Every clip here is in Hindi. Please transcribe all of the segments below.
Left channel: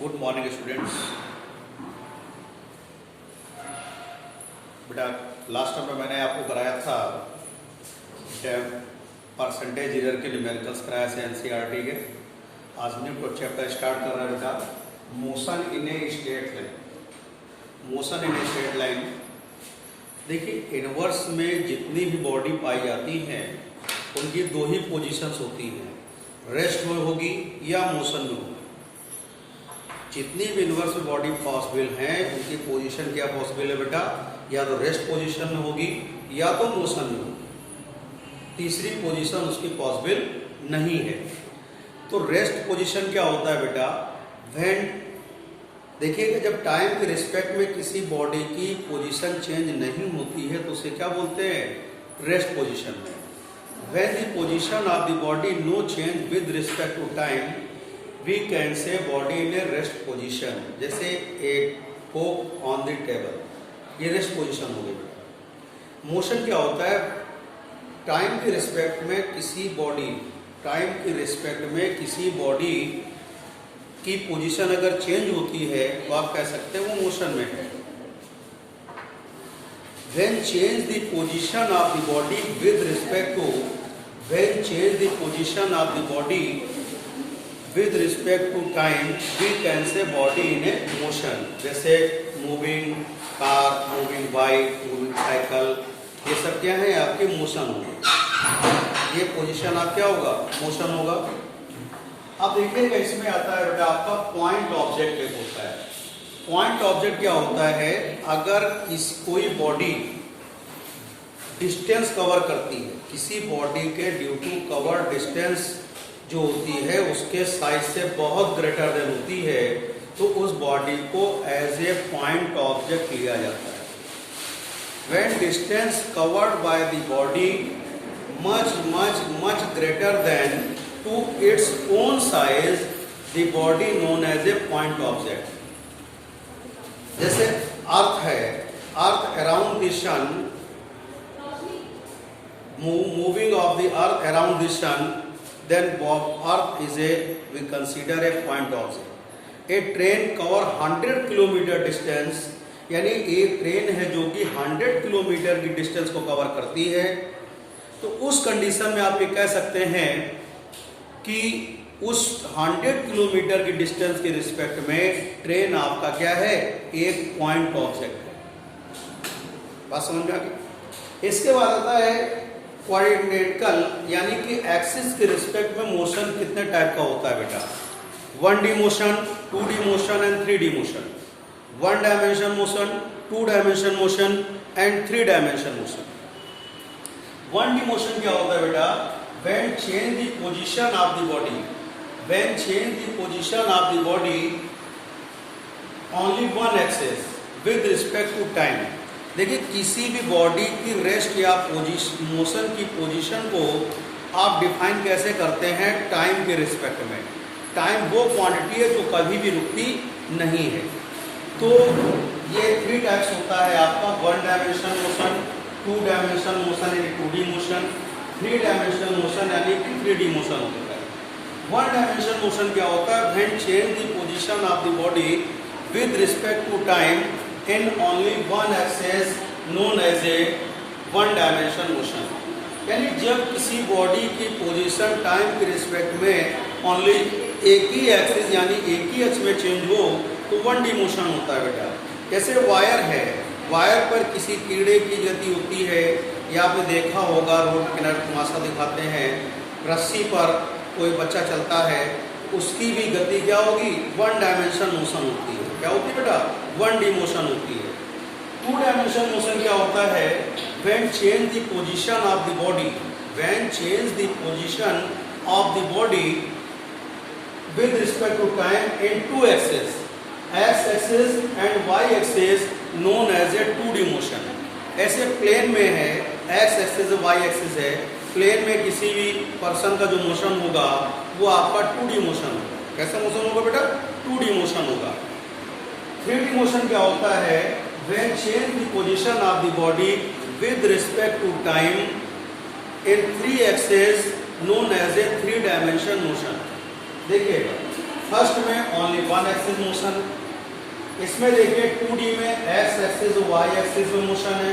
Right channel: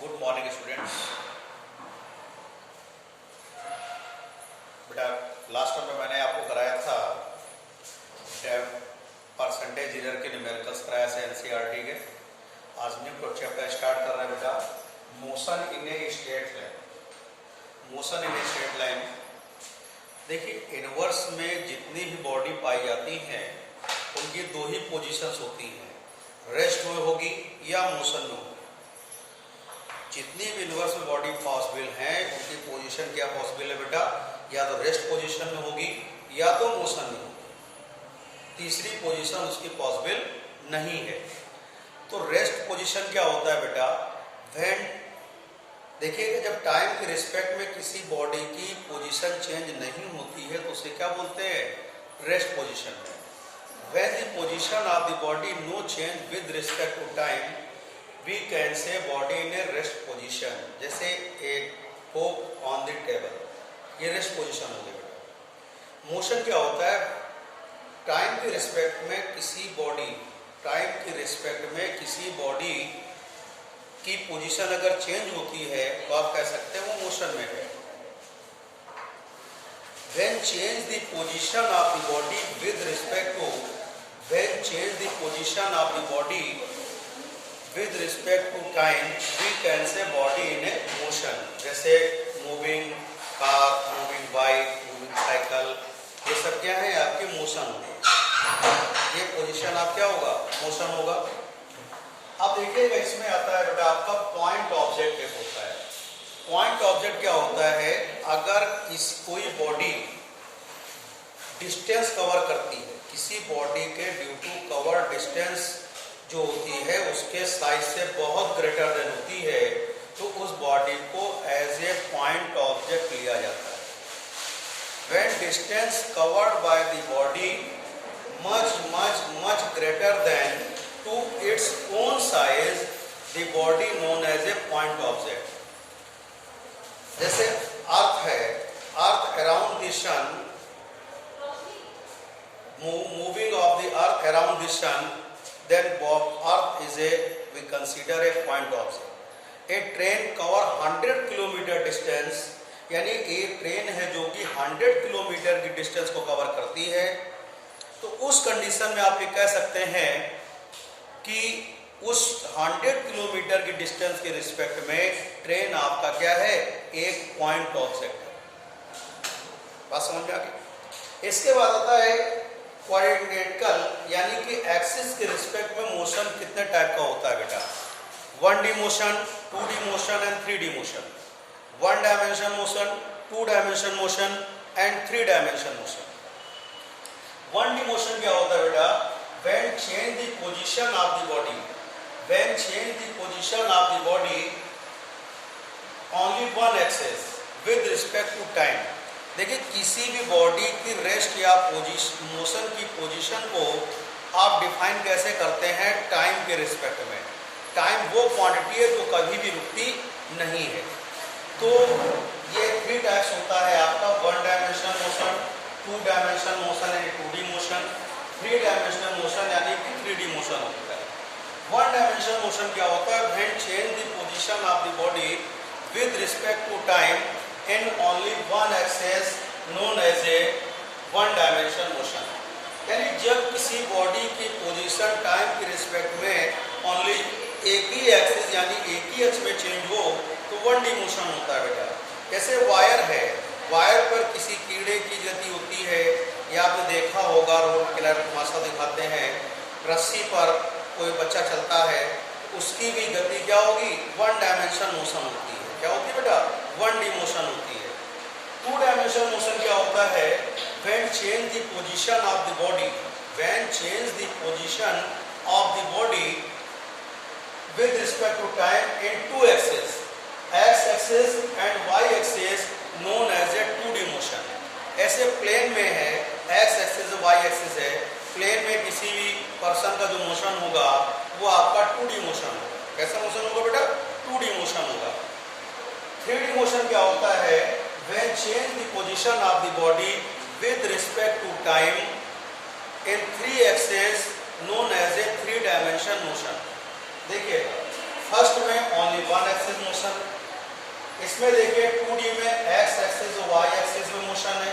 Good morning students. बेटा लास्ट टाइम में मैंने आपको कराया था परसेंटेज एरर के न्यूमेरिकल्स कराया से एनसीईआरटी के। आज न्यू चैप्टर स्टार्ट कर रहे हैं बेटा, motion in a straight line. Motion in a straight line, देखिए इनवर्स में जितनी भी बॉडी पाई जाती हैं उनकी दो ही पोजीशंस होती हैं, रेस्ट में होगी या मोशन में होगी। जितनी भी इनवर्स में बॉडी पॉसिबल हैं उनकी पोजीशन क्या पॉसिबल है बेटा, या तो रेस्ट पोजीशन में होगी या तो मोशन में होगी। तीसरी पोजीशन उसकी पॉसिबल नहीं है। तो रेस्ट पोजीशन क्या होता है बेटा, व्हेन देखिएगा जब टाइम के रिस्पेक्ट में किसी बॉडी की पोजीशन चेंज नहीं होती है तो उसे क्या बोलते हैं, रेस्ट पोजीशन में। When the position of the body no change with respect to time we can say body in a rest position. जैसे एक कोक ऑन द टेबल, ये रेस्ट पोजीशन हो गई बेटा। मोशन क्या होता है, टाइम के रिस्पेक्ट में किसी बॉडी, टाइम के रिस्पेक्ट में किसी बॉडी की पोजीशन अगर चेंज होती है तो आप कह सकते हैं वो मोशन में है। When change the position of the body with respect to, when change the position of the body with respect to time, we can say body in a motion। जैसे moving car, moving bike, moving cycle, ये सब क्या है आपके मोशन होंगे। ये पोजीशन आप क्या होगा, मोशन होगा। अब देखिएगा इसमें आता है बेटा आपका पॉइंट ऑब्जेक्ट एक होता है। पॉइंट ऑब्जेक्ट क्या होता है, अगर कोई बॉडी डिस्टेंस कवर करती है, किसी बॉडी के ड्यू टू कवर डिस्टेंस जो होती है उसके साइज से बहुत ग्रेटर देन होती है तो उस बॉडी को एज ए पॉइंट ऑब्जेक्ट लिया जाता है। When distance covered by the body much much much greater than to its own size the body known as a point object. जैसे अर्थ है, earth around the sun, moving of the earth around the sun, then earth is a, we consider a point object। a train cover 100 kilometre distance, यानी एक ट्रेन है जो कि 100 किलोमीटर की डिस्टेंस को कवर करती है, तो उस कंडीशन में आप ये कह सकते हैं कि उस 100 किलोमीटर की डिस्टेंस के रिस्पेक्ट में ट्रेन आपका क्या है, एक पॉइंट ऑब्जेक्ट है। बात समझ में आ गई। इसके बाद आता है कोऑर्डिनेटिकल, यानी कि एक्सिस के रिस्पेक्ट में मोशन कितने टाइप का होता है बेटा, 1D motion, 2D motion and 3D motion. 1 dimension motion, 2 dimension motion and 3 dimension motion. 1D motion क्या होता है बेटा, when change the position of the body, when change the position of the body only one axis with respect to time. देखिए किसी भी बॉडी की रेस्ट या मोशन की पोजीशन को आप डिफाइन कैसे करते हैं, टाइम के रिस्पेक्ट में। टाइम वो क्वांटिटी है जो कभी भी रुकती नहीं है। तो ये 3 टाइप्स होता है आपका, 1 डायमेंशन मोशन, 2 डायमेंशन मोशन यानी 2D मोशन, 3 डायमेंशनल मोशन यानी कि 3D मोशन होता है। 1 डायमेंशन मोशन क्या होता है, when change the position of the body with respect to time in only one axis known as a 1 dimension motion। यानी जब किसी बॉडी की पोजीशन टाइम के रिस्पेक्ट में ओनली एक ही एक्सिस यानी एक ही एक्स में चेंज हो तो 1D मोशन होता है बेटा। जैसे वायर है, वायर पर किसी कीड़े की गति होती है, या आपने देखा होगा रोड किनारे तमाशा दिखाते हैं, रस्सी पर कोई बच्चा चलता है, उसकी भी गति क्या होगी, 1 डायमेंशन मोशन होती है। क्या होती है बेटा, 1D मोशन होती है। 2 डायमेंशन मोशन क्या होता है, when change the position of the body, when change the position of the body with respect to time in 2 axis, X axis and Y axis known as a 2D motion. ऐसे प्लेन में है, एक्स एक्सिस वाई एक्सिस है, प्लेन में किसी भी पर्सन का जो मोशन होगा वो आपका 2D मोशन होगा। कैसा मोशन होगा बेटा, 2D मोशन होगा। 3D मोशन क्या होता है, when change the position of the body with respect to time in 3 axis known as a 3 dimension motion. देखिएगा फर्स्ट में ओनली वन एक्सिस मोशन, इसमें देखिए 2D में एक्स एक्सिस और वाई एक्सिस में मोशन है।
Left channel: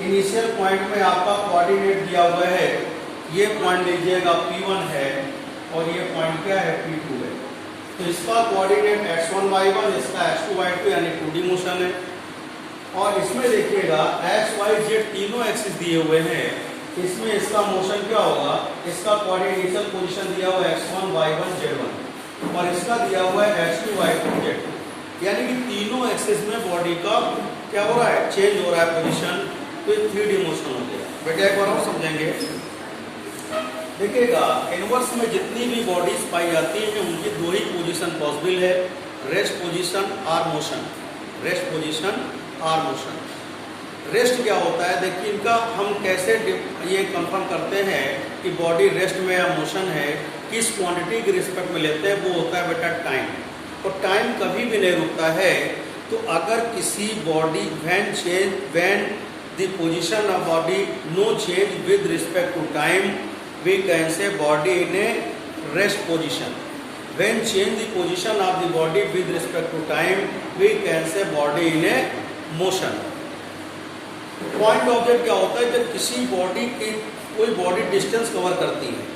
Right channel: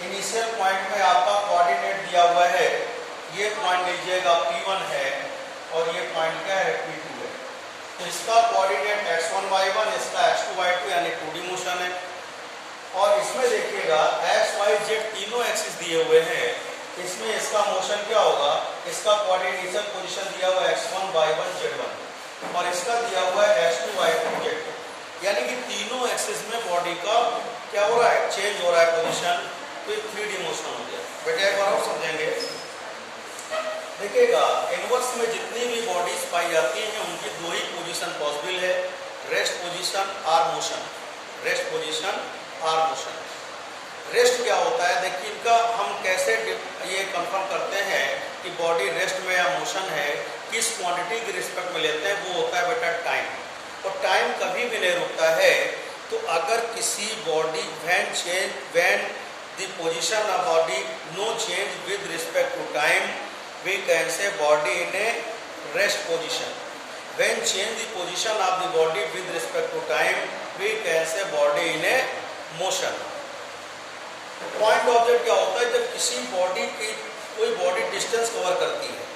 इनिशियल पॉइंट में आपका कोऑर्डिनेट दिया हुआ है, ये पॉइंट लीजिएगा P1 है और ये पॉइंट क्या है P2 है। तो इसका कोऑर्डिनेट x1 y1, इसका x2 y2 यानी 2D मोशन है। और इसमें देखिएगा x y z तीनों एक्सिस दिए हुए हैं, इसमें इसका मोशन क्या होगा, इसका कोऑर्डिनेशन पोजीशन दिया हुआ है x1 y1 z1 और इसका दिया हुआ है x2 y2 z2, यानी कि तीनों एक्सिस में बॉडी का क्या हो रहा है, चेंज हो रहा है पोजीशन। तो 3D मोशन हो गया। बेटा एक बार और समझेंगे, देखिएगा इनवर्स में जितनी भी बॉडीज पाई जाती हैं उनकी दो ही पोजीशन पॉसिबल है, रेस्ट पोजीशन और मोशन। रेस्ट पोजीशन और मोशन। रेस्ट क्या होता है, देखिए इनका हम कैसे ये कंफर्म करते हैं कि बॉडी रेस्ट में या मोशन है, किस क्वांटिटी के रिस्पेक्ट में लेते हैं, वो होता है बेटा टाइम। और टाइम कभी भी नहीं रुकता है। तो अगर किसी body when the position of body no change with respect to time, we can say body in a rest position. When change the position of the body with respect to time, we can say body in a motion. Point object क्या होता है, जब किसी बॉडी की कोई बॉडी डिस्टेंस कवर करती है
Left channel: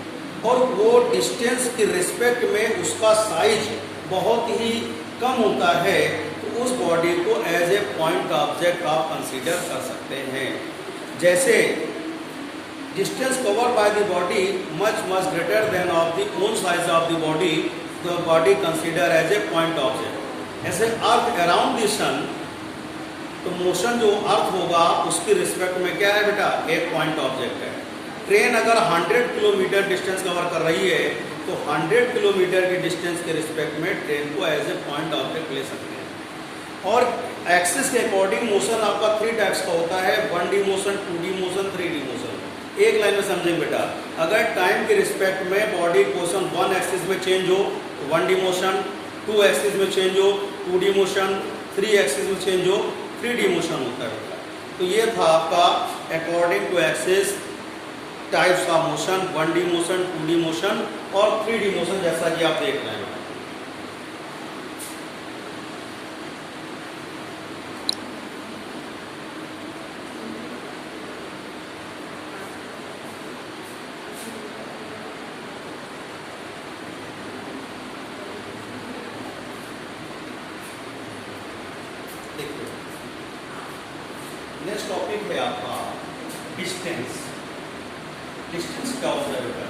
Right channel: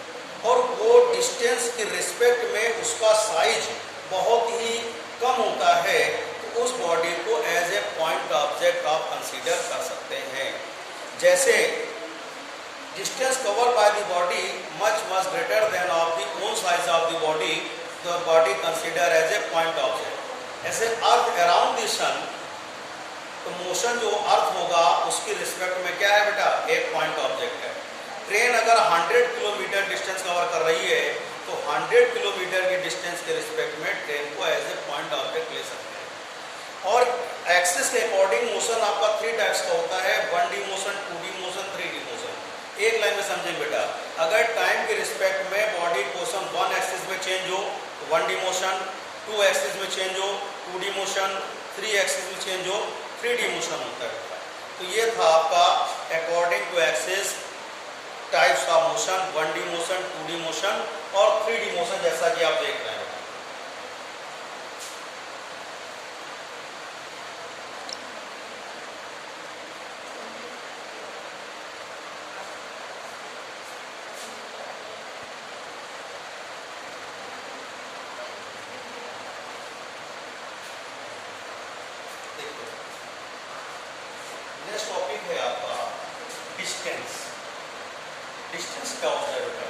और वो डिस्टेंस के रिस्पेक्ट में उसका साइज बहुत ही कम होता है, तो उस बॉडी को एज ए पॉइंट ऑब्जेक्ट आप कंसीडर कर सकते हैं। जैसे distance cover by the body much greater than of the own size of the body, तो body consider as a point object. ऐसे अर्थ अराउंड द सन, तो मोशन जो अर्थ होगा उसकी रिस्पेक्ट में क्या है बेटा, एक पॉइंट ऑब्जेक्ट है। ट्रेन अगर 100 किलोमीटर डिस्टेंस कवर कर रही है तो 100 किलोमीटर के डिस्टेंस के रिस्पेक्ट में ट्रेन को एज ए पॉइंट ऑब्जेक्ट ले सकते हैं। और एक्सिस के अकॉर्डिंग मोशन आपका 3 टाइप्स का होता है, 1D motion, 2D motion, 3D motion. एक लाइन में समझेंगे बेटा, अगर टाइम के रिस्पेक्ट में बॉडी पोजीशन 1 एक्सिस में चेंज हो तो 1D मोशन, 2 एक्सिस में चेंज हो 2D मोशन, 3 एक्सिस में चेंज हो 3D मोशन होता है बेटा। तो ये था आपका अकॉर्डिंग टू एक्सिस टाइप्स का motion, 1D motion, 2D motion और 3D मोशन, जैसा कि आप देख रहे हैं। देखिए नेक्स्ट टॉपिक है आपका डिस्टेंस। डिस्टेंस क्या होता है बेटा,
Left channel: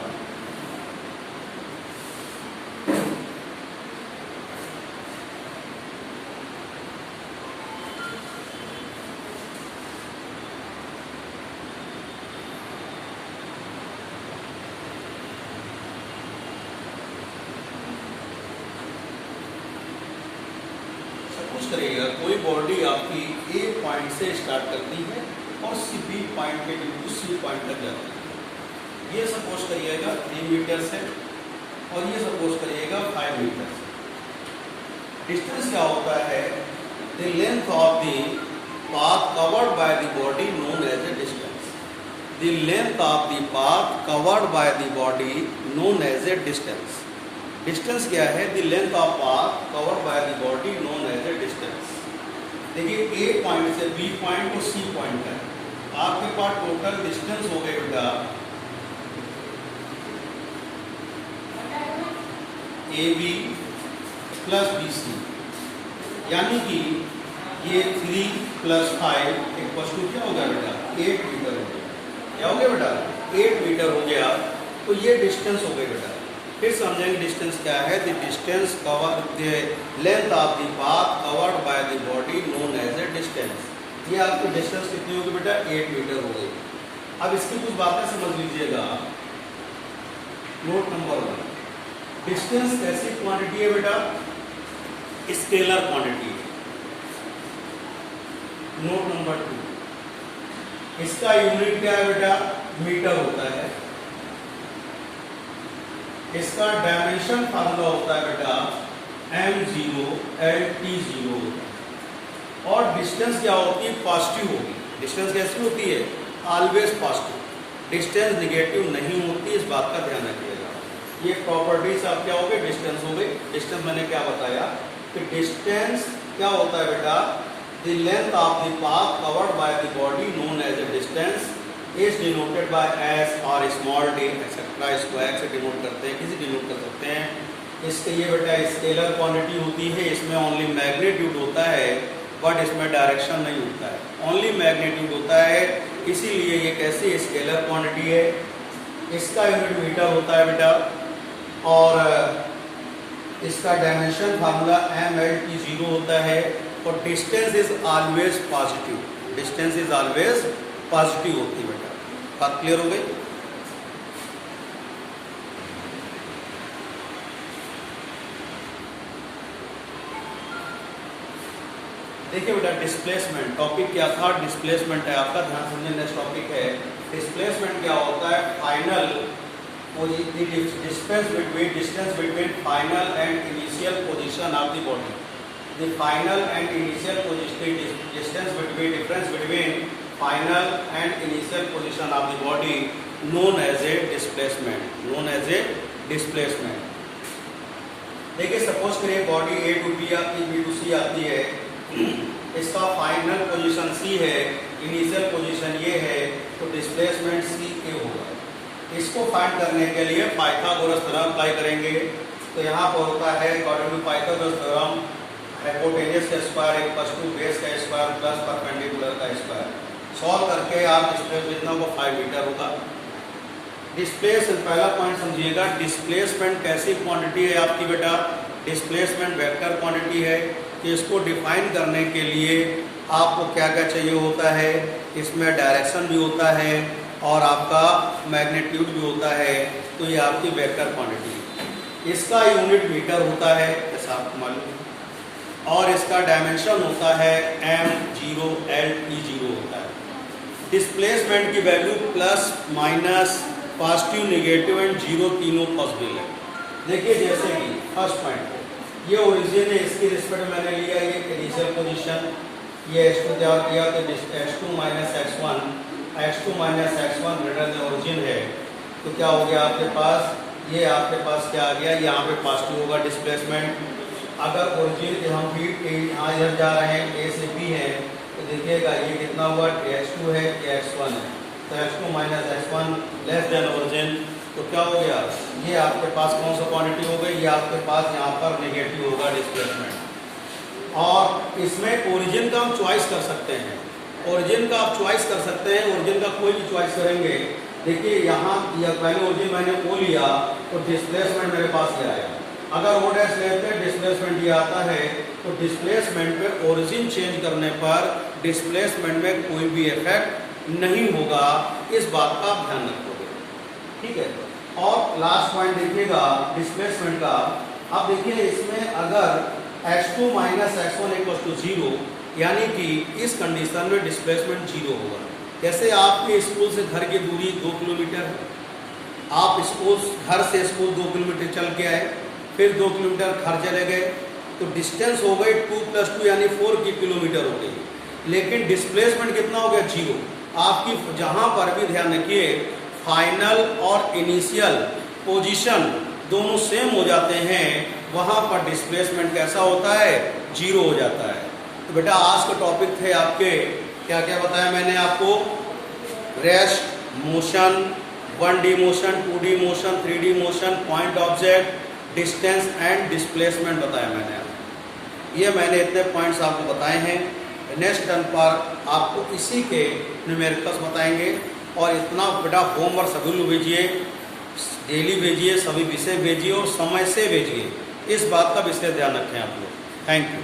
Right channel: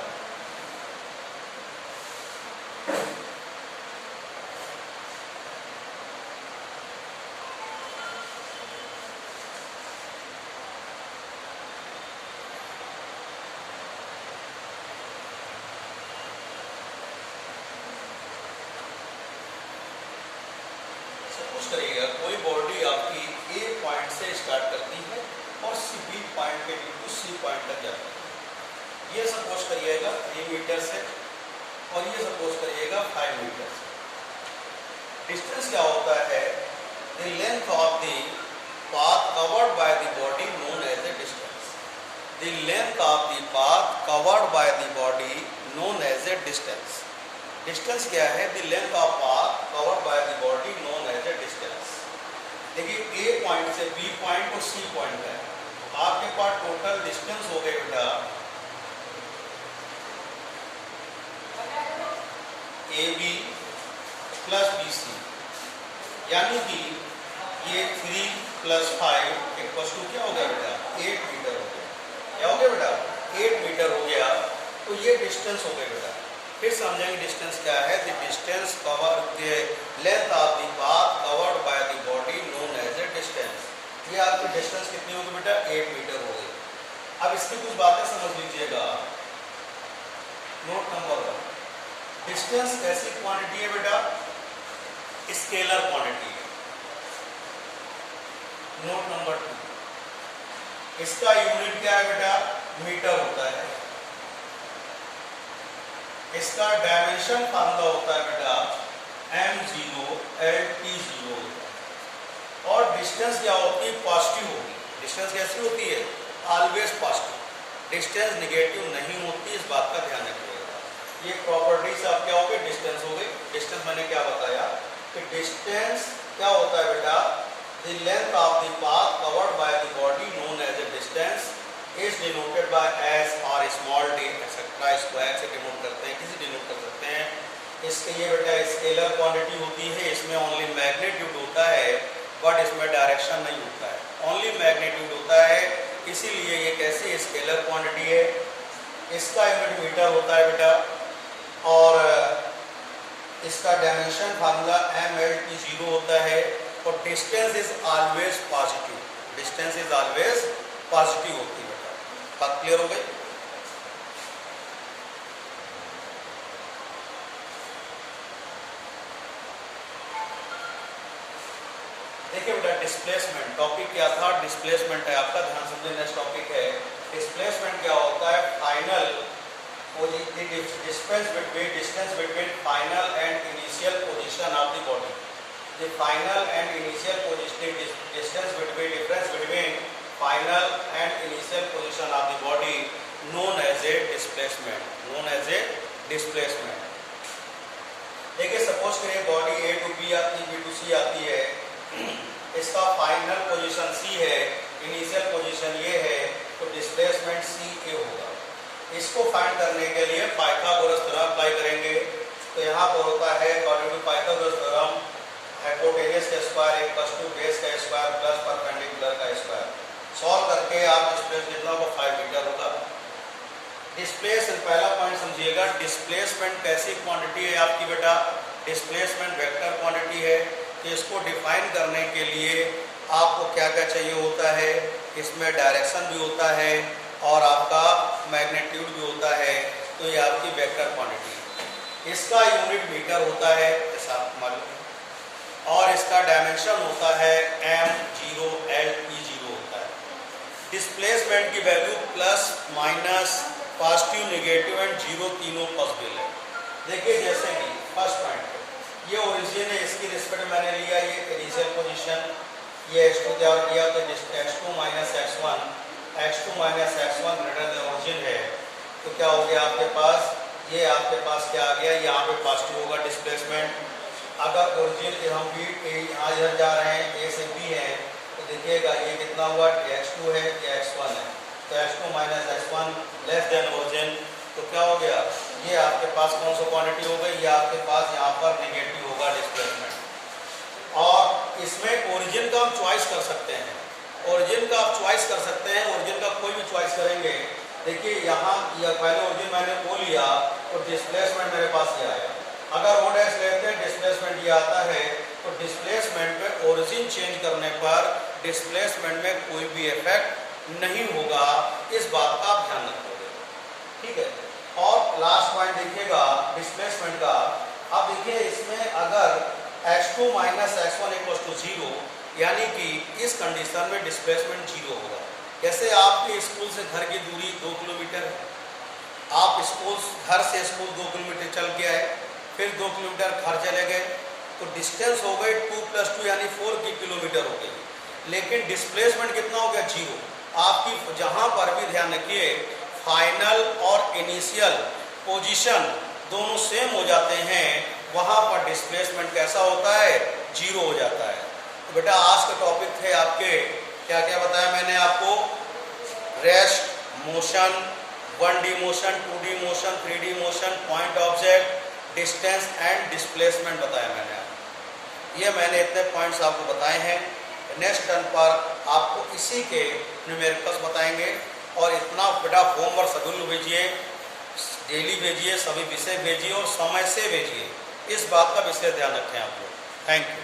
सपोज करिएगा कोई बॉडी आपकी ए पॉइंट से स्टार्ट करती है और बी पॉइंट के बिल्कुल सी पॉइंट तक जाती है। ये सपोज करिएगा 3 मीटर से और ये सपोज करिएगा 5 मीटर से। डिस्टेंस क्या होता है, the length of the path covered by the body known as a distance. The length of the path covered by the body known as a distance. Distance क्या है, the length of path covered by the body known as a distance. देखिए ए पॉइंट से बी पॉइंट और सी पॉइंट है, आपके पास टोटल डिस्टेंस हो गए बेटा AB प्लस BC, यानी कि ये 3 + 5 इक्वल्स टू क्या हो गया बेटा, 8 मीटर हो गया। क्या हो गया बेटा, 8 मीटर हो गया। तो ये डिस्टेंस हो गई बेटा। फिर समझेंगे डिस्टेंस क्या है, the distance cover the length of the path covered by the body known as a distance. ये आपकी डिस्टेंस कितनी होगी बेटा, 8 मीटर हो गई। अब इसकी कुछ बातें समझ लीजिएगा। नोट नंबर 1, डिस्टेंस कैसी क्वांटिटी है बेटा, स्केलर क्वांटिटी है। नोट नंबर 2, इसका यूनिट क्या है बेटा, मीटर होता है। इसका डायमेंशन फार्मूला होता है बेटा m0 l t0 होता है। और डिस्टेंस क्या होती है, पॉजिटिव होगी। डिस्टेंस कैसी होती है, ऑलवेज पॉजिटिव। डिस्टेंस निगेटिव नहीं होती, इस बात का ध्यान रखिएगा। ये प्रॉपर्टीज आप क्या हो गए, डिस्टेंस हो गई। डिस्टेंस डेफिनेशन मैंने क्या बताया कि डिस्टेंस क्या होता है बेटा, the length of the path covered by the body known as a distance is denoted by S और स्मॉल डी एक्सेट्रा, इसको एक्स से डिनोट करते हैं, किसी डिनोट कर सकते हैं। इसके ये बेटा स्केलर क्वांटिटी होती है, इसमें ओनली मैग्नीट्यूड होता है बट इसमें डायरेक्शन नहीं होता है, ओनली मैग्नीट्यूड होता है, इसीलिए ये कैसी स्केलर क्वांटिटी है। इसका यूनिट मीटर होता है बेटा और इसका डायमेंशन फार्मूला mL/0 होता है और distance is always positive, distance is always positive होती है बेटा। बात क्लियर हो गई? देखिए बेटा डिस्प्लेसमेंट टॉपिक क्या था, डिस्प्लेसमेंट है आपका, ध्यान समझे। नेक्स्ट टॉपिक है डिस्प्लेसमेंट। क्या होता है? Final distance between final and initial position of the body, the final and initial distance between final and initial position of the body known as a displacement, known as a displacement. देखिए सपोज करिए बॉडी A to B आती है, B to C आती है, इसका फाइनल पोजीशन C है, इनिशियल पोजीशन ये है, तो डिस्प्लेसमेंट CA होगा। इसको फाइंड करने के लिए पाइथागोरस थ्योरम अप्लाई करेंगे। तो यहाँ पर होता है according to Pythagoras theorem hypotenuse का स्क्वायर इक्वल्स टू बेस का स्क्वायर प्लस परपेंडिकुलर का स्क्वायर। सॉल्व करके आप डिस्प्लेसमेंट जितना वो 5 मीटर होगा। डिस्प्लेसमेंट पहला पॉइंट समझिएगा, डिस्प्लेसमेंट कैसी क्वांटिटी है आपकी बेटा? डिस्प्लेसमेंट वेक्टर क्वांटिटी है। कि इसको डिफाइन करने के लिए आपको क्या क्या चाहिए होता है? इसमें डायरेक्शन भी होता है और आपका मैग्नीट्यूड भी होता है, तो ये आपकी वेक्टर क्वांटिटी। इसका यूनिट मीटर होता है जैसा आपको मालूम है और इसका डायमेंशन होता है m0 L/0 होता है। डिस्प्लेसमेंट की value plus minus positive negative and zero तीनों पॉसिबल है। देखिए जैसे कि फर्स्ट पॉइंट ये ओरिजिन है, इसकी रिस्पेक्ट मैंने लिया ये इनिशियल पोजीशन, ये x2 तैयार किया तो x2 minus x1 greater than origin है, तो क्या हो गया आपके पास? ये आपके पास क्या आ गया? यहाँ पे पॉजिटिव होगा डिस्प्लेसमेंट। अगर ओरिजिन हम भी यहाँ इधर जा रहे हैं, A से B है, तो देखिएगा ये कितना हुआ? x2 है या x1 है, तो x2 minus x1 less than origin, तो क्या हो गया? ये आपके पास कौन सा क्वांटिटी हो गई? ये आपके पास यहाँ पर नेगेटिव होगा डिस्प्लेसमेंट। और इसमें ओरिजिन का हम चॉइस कर सकते हैं, ओरिजिन का आप चॉइस कर सकते हैं, ओरिजिन का कोई भी चॉइस करेंगे। देखिए यहाँ पहले ओरिजिन मैंने वो लिया तो डिस्प्लेसमेंट मेरे पास ये आएगा। अगर वो डैश लेते हैं डिस्प्लेसमेंट ये आता है, तो डिस्प्लेसमेंट पे ओरिजिन चेंज करने पर डिस्प्लेसमेंट में कोई भी इफेक्ट नहीं होगा, इस बात का आप ध्यान रखोगे, ठीक है। और लास्ट पॉइंट देखिएगा डिस्प्लेसमेंट का। अब देखिए इसमें अगर x2 minus x1 equals to 0, यानी कि इस कंडीशन में डिस्प्लेसमेंट 0 होगा। जैसे आपके स्कूल से घर की दूरी 2 किलोमीटर है, आप घर से स्कूल 2 किलोमीटर चल के आए, फिर 2 किलोमीटर घर चले गए, तो डिस्टेंस हो गई 2 + 2 यानी 4 किलोमीटर हो गई। लेकिन डिस्प्लेसमेंट कितना हो गया? 0। आपकी जहाँ पर भी ध्यान रखिए फाइनल और इनिशियल पोजीशन दोनों सेम हो जाते हैं, वहाँ पर डिस्प्लेसमेंट कैसा होता है? 0 हो जाता है। तो बेटा आज का टॉपिक थे आपके क्या क्या बताया मैंने आपको? Rest, motion, 1D motion, 2D motion, 3D motion, point object, distance and displacement बताया मैंने आपको। ये मैंने इतने पॉइंट्स आपको बताए हैं। नेक्स्ट टर्न पर आपको इसी के न्यूमेरिकल्स बताएंगे। और इतना बेटा होमवर्क सभी लोग भेजिए, डेली भेजिए, सभी विषय भेजिए और समय से भेजिए, इस बात का विशेष ध्यान रखें आप लोग। Thank you.